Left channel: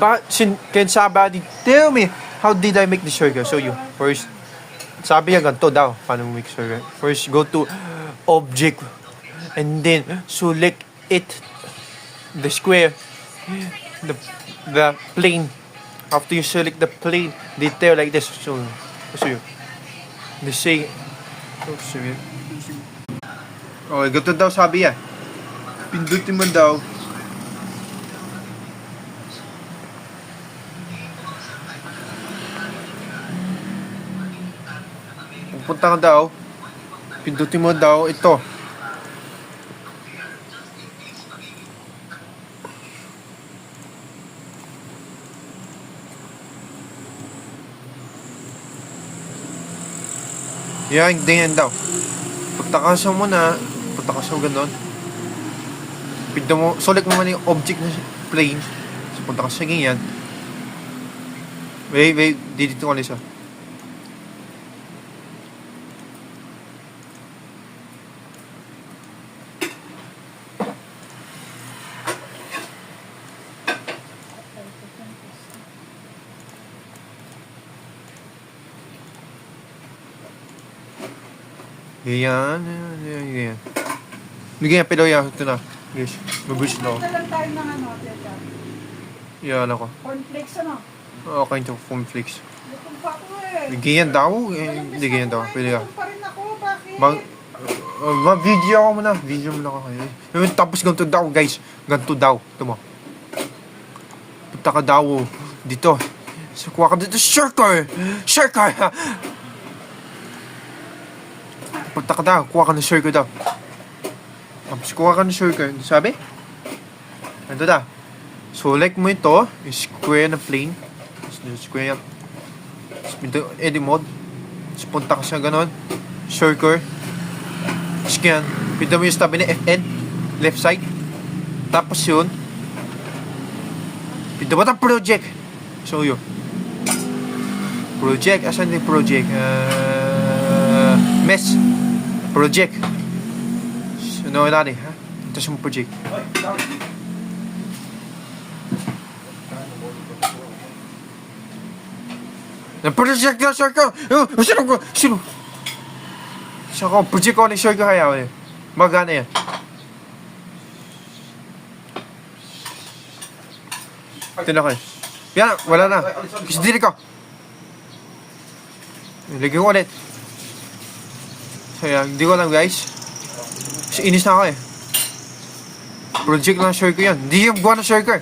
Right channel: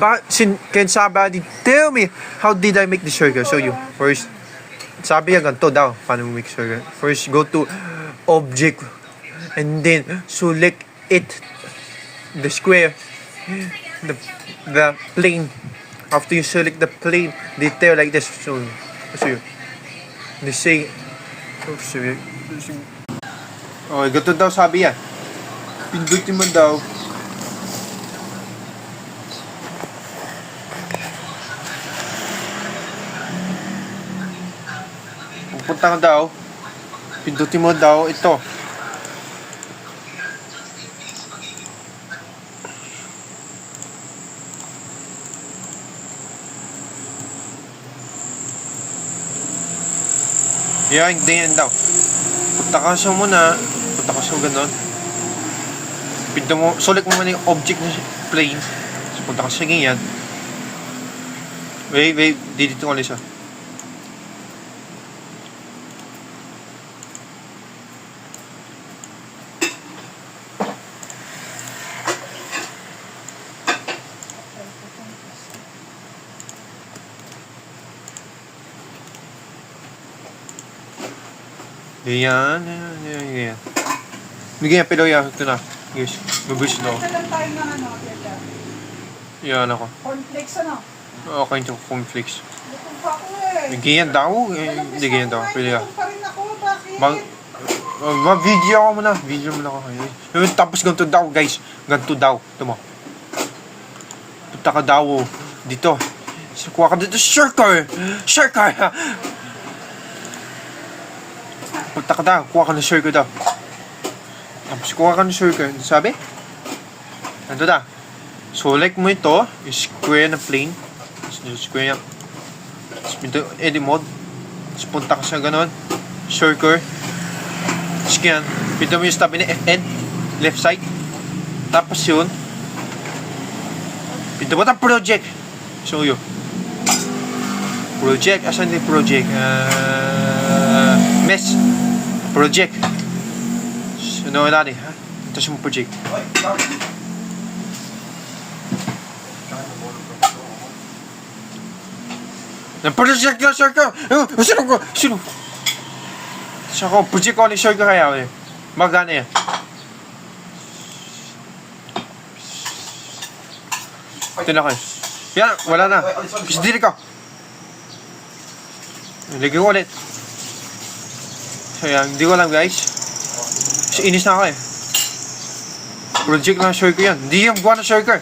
But can somebody tell me how did I make the circle? So you first, sabi niya ganito daw, paano mo make circle? First, go to object, and then select it, the square, the plane. After you select the plane, detail like this. So you, the same. Oh, ganito daw sabi yan. Pindutin mo daw. Pupunta ka daw. Pindutin mo daw ito. Yan, ganyan daw. Punta ka sa muna. Punta ka sa ganon. Pinto mo, select mo muna yung object na plane. So, punta ka sa ganyan. Wait, dito ko ulit siya. Ganyan. Ganyan, pero yan, ito na. Yes, mabulis na ako. Ito lang tayo ng ano, Teta. Yan ako. Cornflakes ano? Okay, ito cornflakes. Gutom pa ako eh. Ganyan daw. Hindi ganyan daw. Pwede yan. Gutom pa rin ako, bakit? Ma-video ako muna. Video muna ako. Tapos ganito daw, guys. Ganito daw. Ito mo. Punta ka daw. Dito. Kuha ka dito. Circle! Punta ka daw. Kuha ka ng circle daw. Tapos kuha ka ng circle. Sabi? Ito daw. Select mo ito. Square na plane. Square yan. Tapos edit mode. Tapos punta ka sa ganon. Circle. Scan. Pinto mo yung tabi na FN. Left side. Tapos yun. Pinto mo ito project. Show you. Project. Asan yung project? Mesh. Project. Ano natin, ha? Ito yung project. Yung project na, sir ka! Sino? Siya ko, project ko ni sir ka kaya, eh. Magana yan. Ito na kayo. Yan, wala na. Pisidili ka. Lagyan ko ulit. So yan, hindi ko alam guys. Kasi inis na ako eh. Project lang sir ko yan. Hindi yung gawa na sir ka.